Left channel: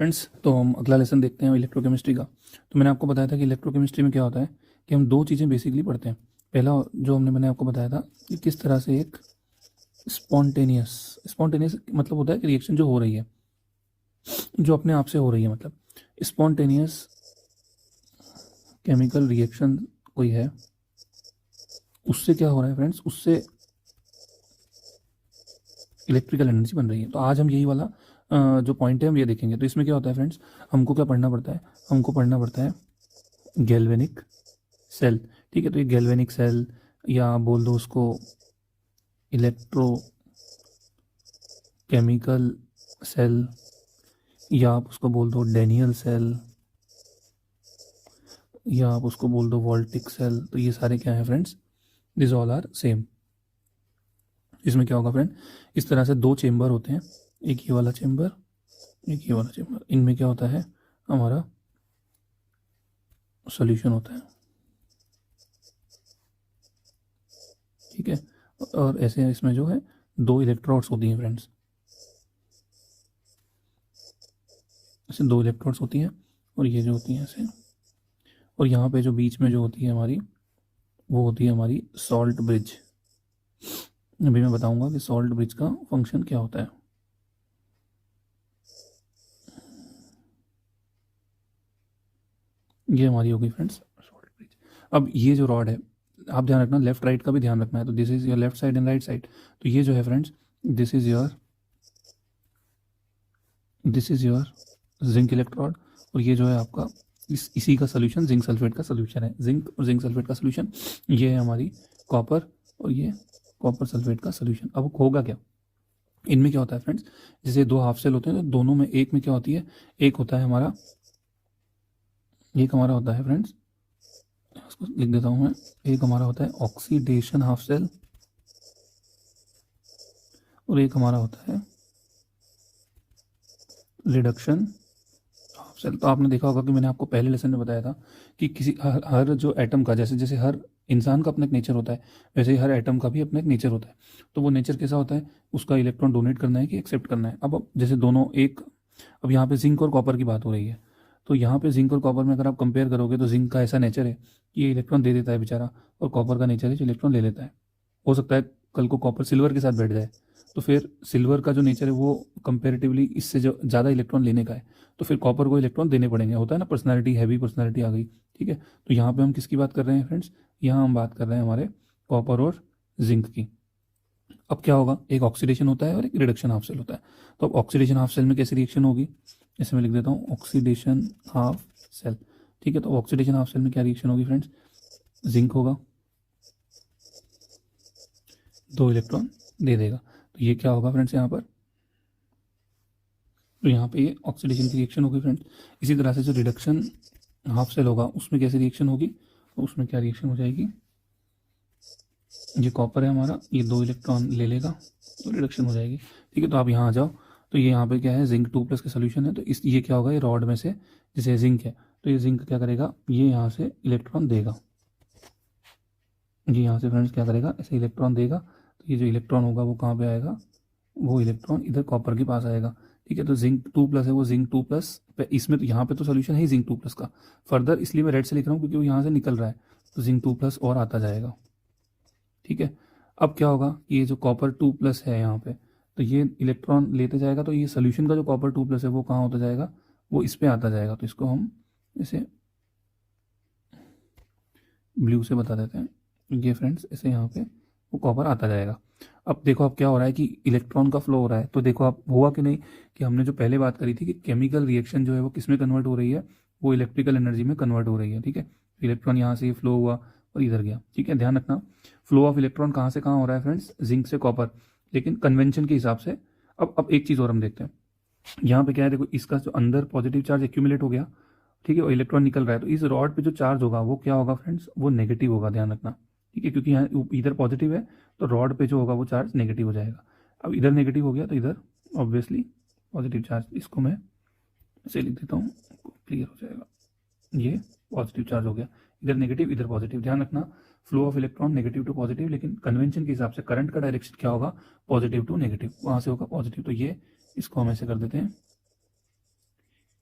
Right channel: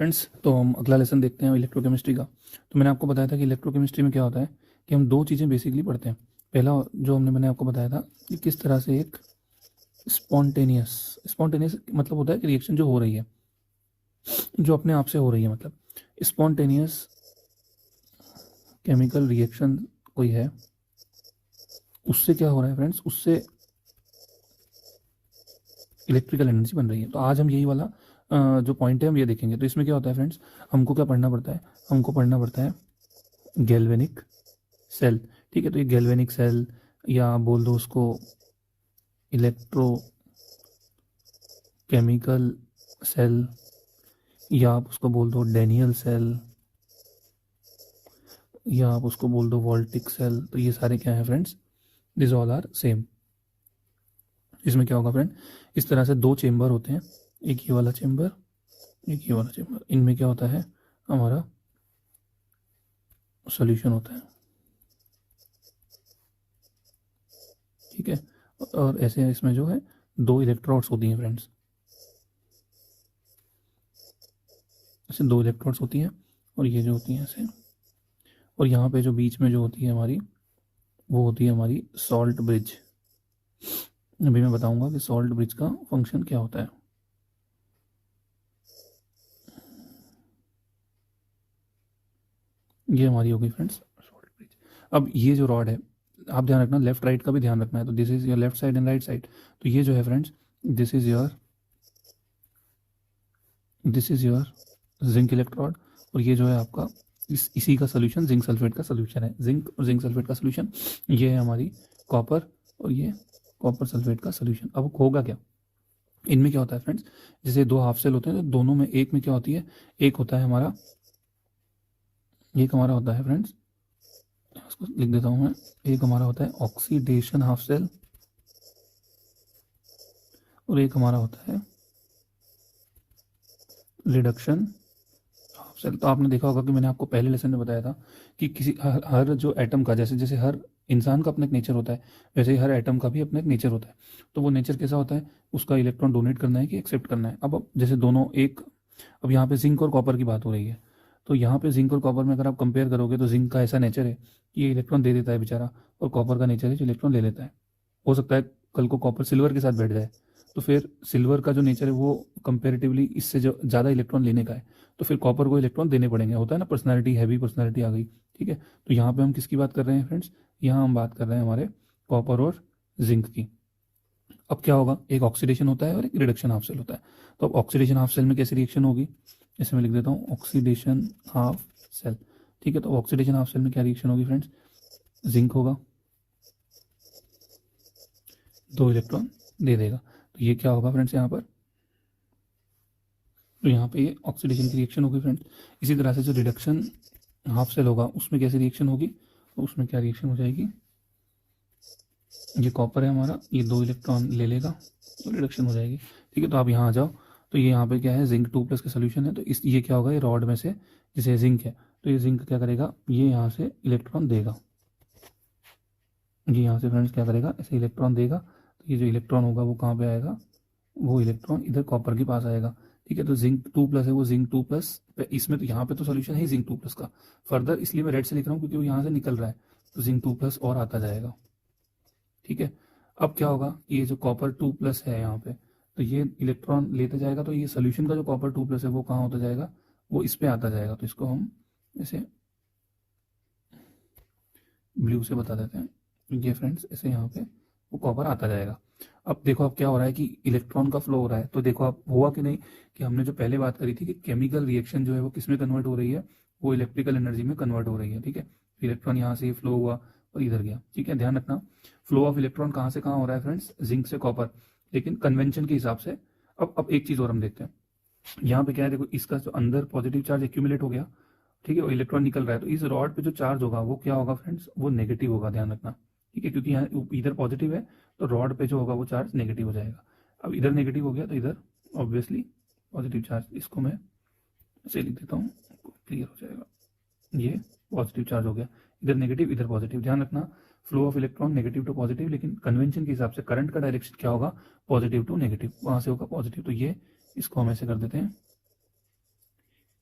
Friends, तो हम अगला लेसन देखते हैं इलेक्ट्रोकेमिस्ट्री का। तो मैंने आपको बताया था कि इलेक्ट्रोकेमिस्ट्री में क्या होता है कि हम दो चीज़ें बेसिकली पढ़ते हैं। पहला जो मैंने आपको बताया था कि किस तरह से एक स्पॉन्टेनियस स्पॉन्टेनियस मतलब होता है कि रिएक्शन जो हो रही है, जो अपने आप से हो रही है, मतलब स्पॉन्टेनियस केमिकल रिएक्शन कोई है, उससे क्या हो रहा है फ्रेंड्स, उससे इलेक्ट्रिकल एनर्जी बन रही है। तो आज हम यही वाला जो पॉइंट है हम ये देखेंगे। तो इसमें क्या होता है फ्रेंड्स, हमको क्या पढ़ना पड़ता है, हमको पढ़ना पड़ता है गैल्वेनिक सेल। ठीक है, तो ये गैल्वेनिक सेल या आप बोल दो उसको इलेक्ट्रो केमिकल सेल या आप उसको बोल दो डेनियल सेल या आप उसको बोल दो वोल्टिक सेल। तो ये सारे क्या है friends, this all are same. इसमें क्या होगा फ्रेंड, इस तरह से दो चेम्बर होते हैं, एक ये वाला चेम्बर, एक ये वाला चेम्बर। इनमें क्या होता है, हमारा सॉल्यूशन होता है। ठीक है, और ऐसे इसमें जो है दो इलेक्ट्रोड्स होती हैं फ्रेंड्स, ऐसे दो इलेक्ट्रोड्स होती हैं और ये जो होती हैं ऐसे, और यहाँ पे जो बीच में जो होती है हमारी, वो होती है हमारी सॉल्ट ब्रिज। अभी मैं बताऊंगा कि सॉल्ट ब्रिज का फंक्शन क्या होता है। ये हमारी होगी फ्रेंड्स सॉल्ट ब्रिज। अब ये जो रॉड है, आप ध्यान रखना, लेफ्ट राइट का भी ध्यान रखना है। तो this is your left side and right side. तो ये जो है friends, this is your zinc electrode, और ये जो है आपका इसी का सोल्यूशन जिंक सल्फेट का सोल्यूशन है। जिंक और जिंक सल्फेट का सोल्यूशन, ये है हमारी कॉपर, और ये कॉपर सल्फेट का सोल्यूशन। अब होगा क्या, इनमें क्या होता है फ्रेंड्स, जैसे दो हाफ सेल होते हैं तो दोनों में, एक में क्या होती है, एक होता है हमारा, एक हमारा होता है फ्रेंड्स, इसको लिख देता हूँ मैं, एक हमारा होता है ऑक्सीडेशन हाफ सेल और एक हमारा होता है रिडक्शन हाफ सेल। तो आपने देखा होगा कि मैंने आपको पहले लेसन में बताया था कि किसी हर जो एटम का, जैसे जैसे हर इंसान का अपना एक नेचर होता है, वैसे ही हर एटम का भी अपना एक नेचर होता है। तो वो नेचर कैसा होता है, उसका इलेक्ट्रॉन डोनेट करना है कि एक्सेप्ट करना है। अब जैसे दोनों एक, अब यहाँ पे जिंक और कॉपर की बात हो रही है, तो यहाँ पे जिंक और कॉपर में अगर आप कंपेयर करोगे तो जिंक का ऐसा नेचर है कि ये इलेक्ट्रॉन दे देता है बेचारा, और कॉपर का नेचर है जो इलेक्ट्रॉन ले लेता है। हो सकता है कल को कॉपर सिल्वर के साथ बैठ जाए, तो फिर सिल्वर का जो नेचर है वो कंपेरेटिवली इससे जो ज़्यादा इलेक्ट्रॉन लेने का है, तो फिर कॉपर को इलेक्ट्रॉन देने पड़ेंगे। होता है ना, पर्सनालिटी, हैवी पर्सनालिटी आ गई। ठीक है, तो यहाँ पे हम किसकी बात कर रहे हैं फ्रेंड्स, यहाँ हम बात कर रहे हैं हमारे कॉपर और जिंक की। अब क्या होगा, एक ऑक्सीडेशन होता है और एक रिडक्शन हाफ सेल होता है। तो अब ऑक्सीडेशन हाफ सेल में कैसी रिएक्शन होगी, जैसे मैं लिख देता हूँ ऑक्सीडेशन हाफ सेल। ठीक है, तो ऑक्सीडेशन हाफ सेल में क्या रिएक्शन होगी फ्रेंड्स, जिंक होगा, दो इलेक्ट्रॉन दे देगा। तो ये क्या होगा फ्रेंड्स यहाँ पर, तो यहाँ पे ये ऑक्सीडेशन की रिएक्शन होगी फ्रेंड्स। इसी तरह से जो रिडक्शन हाफ सेल होगा उसमें कैसी रिएक्शन होगी, तो उसमें क्या रिएक्शन हो जाएगी, ये कॉपर है हमारा, ये दो इलेक्ट्रॉन ले लेगा, रिडक्शन हो जाएगी। ठीक है, तो आप यहाँ आ जाओ, तो ये यहाँ पे क्या है, जिंक 2+ का सोल्यूशन है। तो इस ये क्या होगा, ये रॉड में से जैसे जिंक है, तो ये जिंक क्या करेगा, ये यहाँ से इलेक्ट्रॉन देगा, ये यहाँ से फ्रेंड्स क्या करेगा, ऐसे इलेक्ट्रॉन देगा। तो ये जो इलेक्ट्रॉन होगा वो कहाँ पे आएगा, वो इलेक्ट्रॉन इधर कॉपर के पास आएगा। ठीक है, तो जिंक 2+ है, वो जिंक 2+, इसमें तो यहाँ पे तो सोल्यूशन है जिंक 2+ का। फर्दर इसलिए मैं रेड से लिख रहा हूँ क्योंकि वो यहाँ से निकल रहा है, तो जिंक 2+ और आता जाएगा। ठीक है, अब क्या होगा, ये जो कॉपर 2+ है यहाँ पे, तो ये इलेक्ट्रॉन लेते जाएगा, तो ये सोल्यूशन का जो कॉपर 2+ है वो कहाँ होता जाएगा, वो इस पे आता जाएगा। तो इसको हम ऐसे ब्लू से बता देते हैं, ये फ्रेंड्स ऐसे यहाँ पे वो कॉपर आता जाएगा। अब देखो अब क्या हो रहा है कि इलेक्ट्रॉन का फ्लो हो रहा है। तो देखो आप हुआ कि नहीं, कि हमने जो पहले बात करी थी कि केमिकल रिएक्शन जो है वो किस में कन्वर्ट हो रही है, वो इलेक्ट्रिकल एनर्जी में कन्वर्ट हो रही है। ठीक है, इलेक्ट्रॉन यहाँ से फ्लो हुआ और इधर गया। ठीक है, ध्यान रखना, फ्लो ऑफ इलेक्ट्रॉन कहाँ से कहाँ हो रहा है फ्रेंड्स, जिंक से कॉपर, लेकिन कन्वेंशन के हिसाब से। अब एक चीज़ और हम देखते हैं, यहाँ पे क्या है, देखो इसका जो अंदर पॉजिटिव चार्ज एक्यूमुलेट हो गया, ठीक है, और इलेक्ट्रॉन निकल रहा है, तो इस रॉड पे जो चार्ज होगा वो क्या होगा फ्रेंड्स, वो नेगेटिव होगा, ध्यान रखना। ठीक है, क्योंकि यहाँ इधर पॉजिटिव है, तो रॉड पे जो होगा वो चार्ज नेगेटिव हो जाएगा। अब इधर नेगेटिव हो गया तो इधर ऑब्वियसली पॉजिटिव चार्ज, इसको मैं ऐसे लिख देता हूँ, क्लियर हो जाएगा। ये पॉजिटिव चार्ज हो गया, इधर नेगेटिव इधर पॉजिटिव। ध्यान रखना, flow of electron negative to positive, लेकिन कन्वेंशन के हिसाब से करंट का डायरेक्शन क्या होगा, पॉजिटिव टू नेगेटिव, वहां से होगा पॉजिटिव। तो ये इसको हम ऐसे कर देते हैं,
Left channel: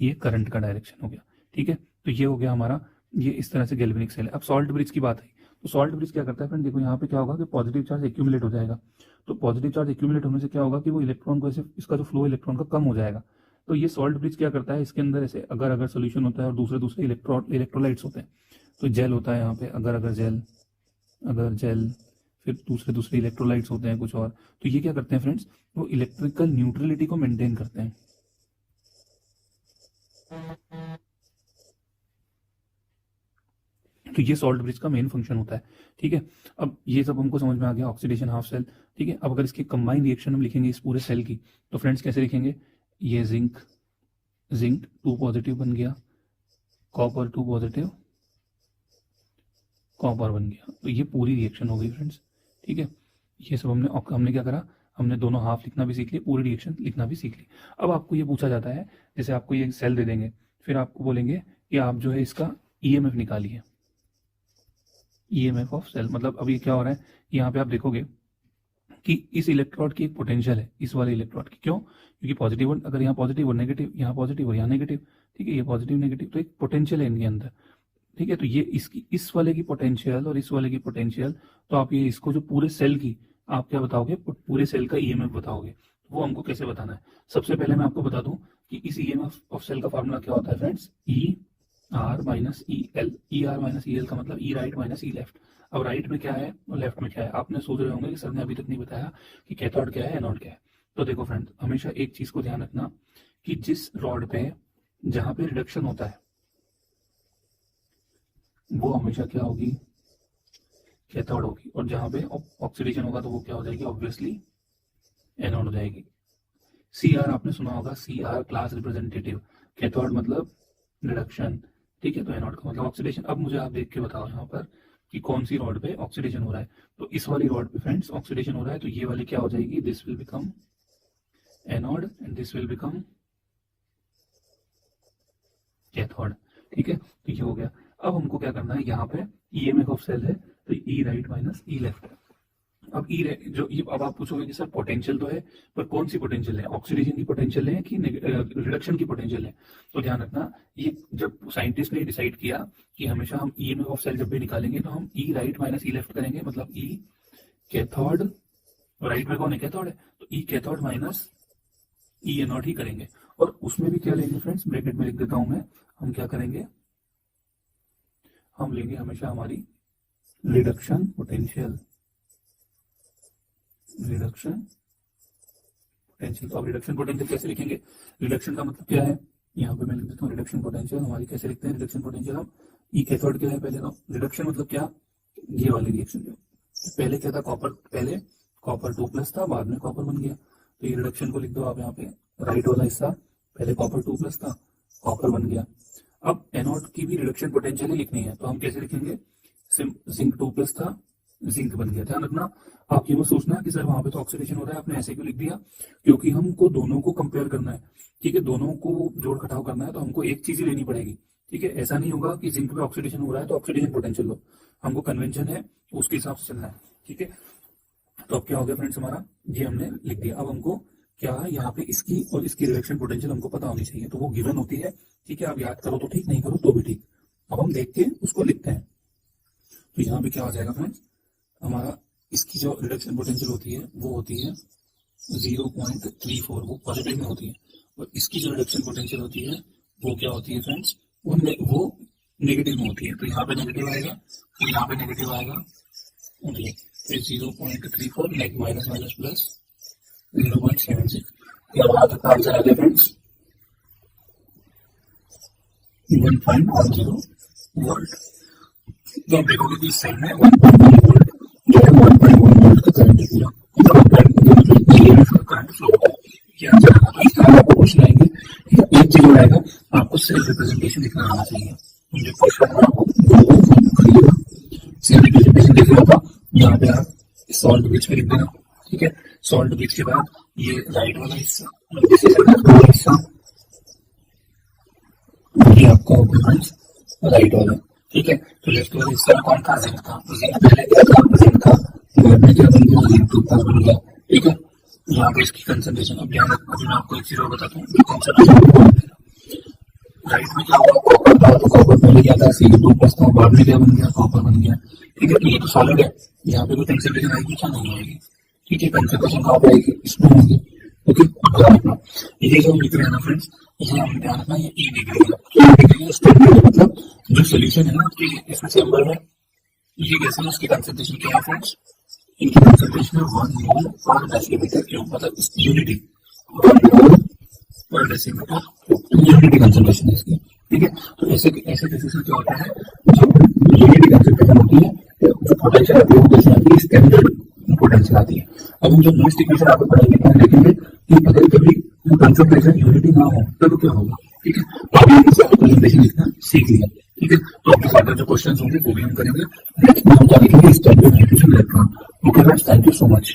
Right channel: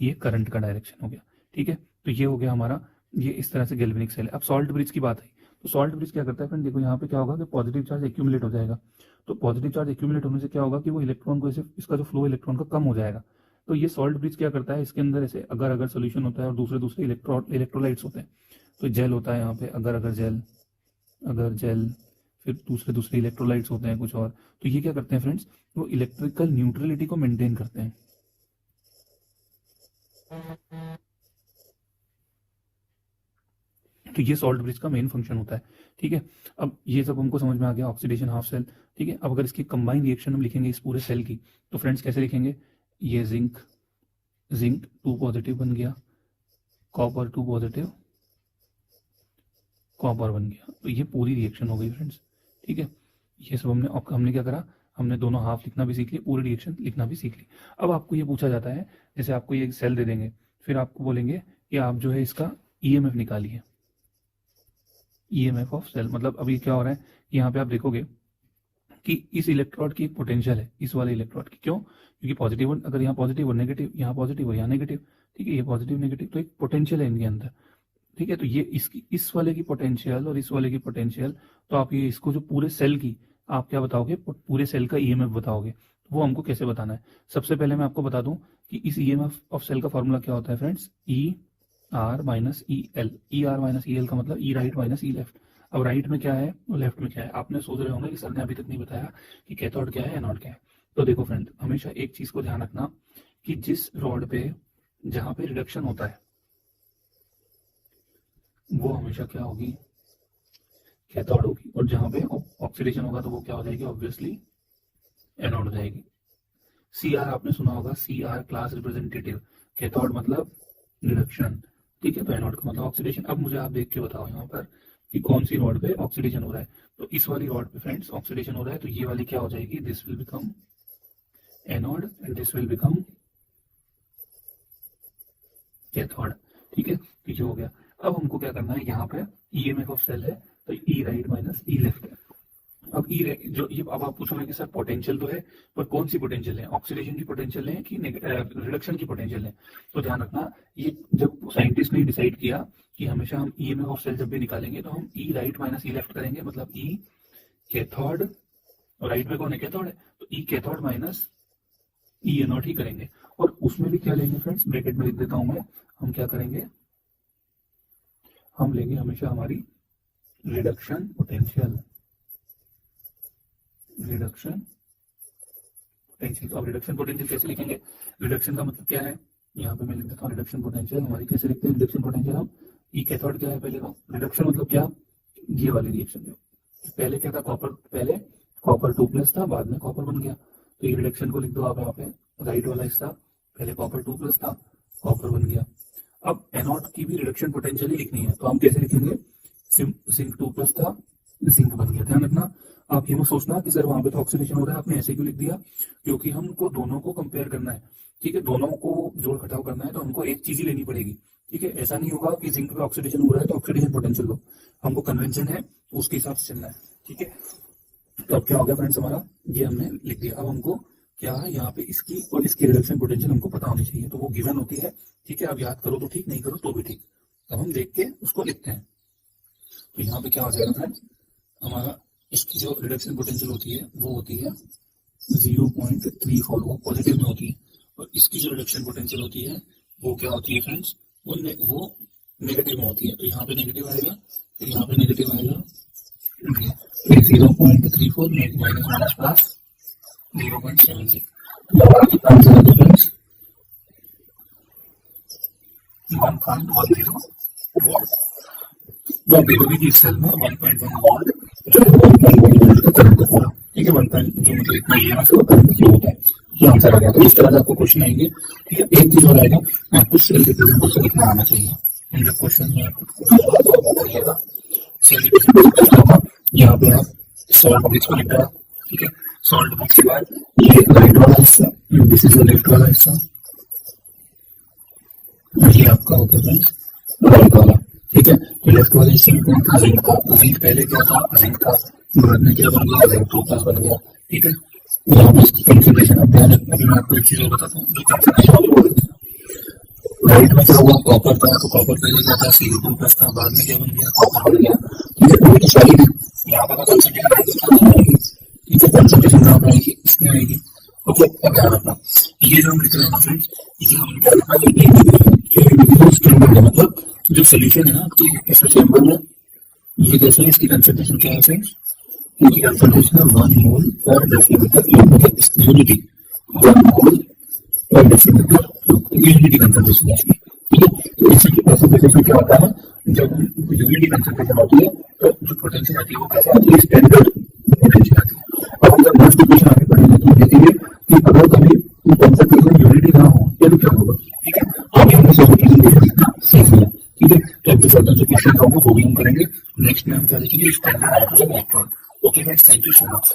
ये करंट का डायरेक्शन हो गया। ठीक है, तो ये हो गया हमारा, ये इस तरह से गैल्वेनिक सेल है। अब सॉल्ट ब्रिज की बात आई, तो सॉल्ट ब्रिज क्या करता है फ्रेंड, देखो यहाँ पे क्या होगा कि पॉजिटिव चार्ज एक्यूमुलेट हो जाएगा। तो पॉजिटिव चार्ज एक्यूमुलेट होने से क्या होगा कि वो इलेक्ट्रॉन को ऐसे, इसका जो फ्लो इलेक्ट्रॉन का कम हो जाएगा। तो ये सॉल्ट ब्रिज क्या करता है, इसके अंदर ऐसे अगर अगर सोल्यूशन होता है और दूसरे दूसरे इलेक्ट्रोलाइट्स होते हैं, तो जेल होता है यहाँ पे अगर अगर जेल, फिर दूसरे दूसरे इलेक्ट्रोलाइट्स होते हैं कुछ और। तो ये क्या करते हैं फ्रेंड्स, वो इलेक्ट्रिकल न्यूट्रलिटी को मेंटेन करते हैं। तो ये सॉल्ट ब्रिज का मेन फंक्शन होता है। ठीक है, अब ये जब हमको समझ में आ गया ऑक्सीडेशन हाफ सेल। ठीक है, अब अगर इसकी कंबाइंड रिएक्शन हम लिखेंगे इस पूरे सेल की, तो फ्रेंड्स कैसे लिखेंगे, ये जिंक 2 पॉजिटिव बन गया, कॉपर 2 पॉजिटिव, कॉपर बन गया। तो ये पूरी रिएक्शन हो गई फ्रेंड्स। ठीक है, ये सब हमने क्या करा, हमने दोनों हाफ लिखना भी सीख ली, पूरी रिएक्शन लिखना भी सीख ली। अब आपको ये पूछा जाता है, जैसे आपको ये सेल दे देंगे, फिर आपको बोलेंगे कि आप जो है इसका ईएमएफ निकालिए, ईएमएफ ऑफ सेल। मतलब अभी क्या हो रहा है, यहाँ पे आप देखोगे कि इस इलेक्ट्रोड की एक पोटेंशियल है, इस वाले इलेक्ट्रोड की। क्यों, क्योंकि पॉजिटिव, अगर यहाँ पॉजिटिव और नेगेटिव, यहाँ पॉजिटिव और यहाँ नेगेटिव। ठीक है, ये पॉजिटिव नेगेटिव, तो एक पोटेंशियल है इनके अंदर। ठीक है, तो ये इसकी, इस वाले की पोटेंशियल और इस वाले की पोटेंशियल, तो आप ये इसको जो पूरे सेल की आप क्या बताओगे, पूरे सेल का ईएमएफ बताओगे। वो हमको कैसे बताना है, सबसे पहले मैं आपको बता दूं कि इस ईएमएफ ऑफ सेल का फॉर्मूला क्या होता है friends, E R minus E L. E R minus E L का मतलब ई राइट माइनस ई लेफ्ट। अब राइट में क्या है और लेफ्ट में क्या है, आपने सोच रहे होंगे कि सर ने अभी तक नहीं बताया कि कैथोड क्या है एनोड क्या है। तो देखो फ्रेंड, हमेशा एक चीज को ध्यान रखना कि जिस रॉड पे, जहां पे रिडक्शन होता है, वो हमेशा क्या होगी, कैथोड होगी। और जहां पे ऑक्सीडेशन होगा तो वो क्या हो जाएगी, ऑब्वियसली एनोड हो जाएगी। सी आर आपने सुना होगा, C R class representative, cathode मतलब रिडक्शन। ठीक है, तो एनोड का मतलब ऑक्सीडेशन। अब मुझे आप देख के बताओ यहाँ पर कि कौन सी रॉड पे ऑक्सीडेशन हो रहा है। तो इस वाली रॉड पे फ्रेंड्स ऑक्सीडेशन हो रहा है, तो ये वाली क्या हो जाएगी, this will become anode and this will become cathode. ठीक है, तो ये हो गया। अब हमको क्या करना है, यहाँ पे ईएमएफ ऑफ सेल है, तो ई राइट माइनस ई लेफ्ट। अब जो ये, अब आप पूछोगे कि सर पोटेंशियल तो है, पर कौन सी पोटेंशियल है, ऑक्सीडेशन की पोटेंशियल है कि रिडक्शन की पोटेंशियल है। तो ध्यान रखना, ये जब साइंटिस्ट ने डिसाइड किया कि हमेशा हम ईएमएफ ऑफ सेल जब भी निकालेंगे तो हम ई राइट माइनस ई लेफ्ट करेंगे, मतलब ई कैथोड, और राइट में कौन है, कैथोड है, तो ई कैथोड माइनस ई एनोड ही करेंगे। और उसमें भी क्या लेंगे फ्रेंड्स, ब्रैकेट में लिख देता हूं मैं, हम क्या करेंगे, हम लेंगे हमेशा हमारी रिडक्शन पोटेंशियल, रिडक्शन पोटेंशियल। तो अब रिडक्शन पोटेंशियल कैसे लिखेंगे, रिडक्शन का मतलब क्या है, यहाँ पे मैं लिख देता हूँ रिडक्शन पोटेंशियल हमारी कैसे लिखते हैं, रिडक्शन पोटेंशियल हम ई कैथोड क्या है पहले, तो रिडक्शन मतलब क्या, ये वाली रिएक्शन जो पहले क्या था, कॉपर, पहले कॉपर 2 प्लस था, बाद में कॉपर बन गया। तो ये रिडक्शन को लिख दो आप यहाँ पे, राइट वाला हिस्सा, पहले कॉपर 2 प्लस था, कॉपर बन गया। अब एनोड की भी रिडक्शन पोटेंशियल ही लिखनी है, तो हम कैसे लिखेंगे, जिंक 2 प्लस था, जिंक बन गया। ध्यान रखना, आप ये मत सोचना कि सर वहां पे तो ऑक्सीडेशन हो रहा है, आपने ऐसे क्यों लिख दिया, क्योंकि हमको दोनों को कंपेयर करना है। ठीक है, दोनों को जोड़ घटाव करना है, तो हमको एक चीज ही लेनी पड़ेगी। ठीक है, ऐसा नहीं होगा कि जिंक पे ऑक्सीडेशन हो रहा है तो ऑक्सीडेशन पोटेंशियल लो, हमको कन्वेंशन है उसके हिसाब से चलना है। ठीक है, तो अब क्या हो गया फ्रेंड्स, हमारा ये हमने लिख दिया। अब हमको क्या है, यहाँ पे इसकी और इसकी रिडक्शन पोटेंशियल हमको पता होनी चाहिए, तो वो गिवन होती है। ठीक है, अब याद करो तो ठीक, नहीं करो तो भी ठीक। अब हम देख के उसको लिखते हैं, तो यहाँ पे क्या हो जाएगा फ्रेंड्स, हमारा इसकी जो रिडक्शन पोटेंशियल होती है वो होती है 0.34, वो पॉजिटिव में होती है। और इसकी जो रिडक्शन पोटेंशियल होती है वो क्या होती है फ्रेंड्स, वो नेगेटिव में होती है। तो यहाँ पे नेगेटिव आएगा, तो यहाँ पे नेगेटिव आएगा, 0.34 माइनस माइनस प्लस 0.76। हमारा कितना आंसर है फ्रेंड्स, 1.10 वोल्ट। तो आप देखोगे कि इस सेल में 1.1 वोल्ट जो है 1.1 वोल्ट का करंट है पूरा। ठीक है, 1. जो मतलब इतना ईएमएफ का करंट फ्लो होता है, ये आंसर आ गया। तो इस तरह आपको क्वेश्चन आएंगे। ठीक है, एक चीज और आएगा, आपको सेल रिप्रेजेंटेशन लिखना आना चाहिए। जो क्वेश्चन है आपको करिएगा, सेल रिप्रेजेंटेशन कैसे होगा, यहाँ पे आप सॉल्ट ब्रिज को लिख देना। ठीक है, सॉल्ट ब्रिज के बाद ये राइट वाला हिस्सा, दिस इज लेफ्ट वाला हिस्सा, ये आपका होता है फ्रेंड्स राइट वाला। ठीक है, तो लेफ्ट वाले हिस्से में कौन था, जिंक था। जिंक पहले क्या था, जिंक था, बाद में क्या बन गया, जिंक 2 प्लस बन गया। ठीक है, यहाँ पे इसकी कंसेंट्रेशन, अब ध्यान रखना, अभी मैं आपको एक चीज और बताता हूँ, जो कंसेंट्रेशन अभी बोल देना, राइट में क्या हुआ, कॉपर था, तो कॉपर पहले क्या था, CO2 प्लस था, बाद में क्या बन गया, कॉपर बन गया। ठीक है, तो ये तो सॉलिड है, यहाँ पे कंसंट्रेशन आएगी, क्या नहीं आएगी। ठीक है, कंसंट्रेशन कहाँ पे आएगी, इसमें आएगी। ओके, अब ध्यान रखना, ये जो हम लिख रहे हैं ना फ्रेंड्स, ये हम क्या लिखना, ये E डिग्री है, क्या डिग्री है, स्टैंडर्ड है, मतलब जो सोल्यूशन है ना कि इस चेंबर में ये कैसे है, इसकी कंसंट्रेशन क्या है फ्रेंड्स, इनकी कंसंट्रेशन है 1 मोल पर डेसीमीटर क्यूब, मतलब यूनिटी 1 मोल पर डेसीमीटर क्यूब, तो यूनिटी कंसंट्रेशन है इसकी। ठीक है, तो ऐसे केसेस में क्या होता है, जब यूनिटी कंसंट्रेशन होती है तो जो पोटेंशियल आती है वो कैसे आती है, स्टैंडर्ड पोटेंशियल आती है। अब हम जब नेक्स्ट इक्वेशन आगे पढ़ेंगे तो देखेंगे कि अगर कभी कंसंट्रेशन यूनिटी ना हो तो क्या होगा। ठीक है, तो अभी हमने सब रिप्रेजेंटेशन लिखना सीख लिया। ठीक है, तो अब फर्दर जो क्वेश्चन होंगे वो भी हम करेंगे। नेक्स्ट में हम क्या लिखेंगे, standard hydrogen electron. Okay friends, thank you so much.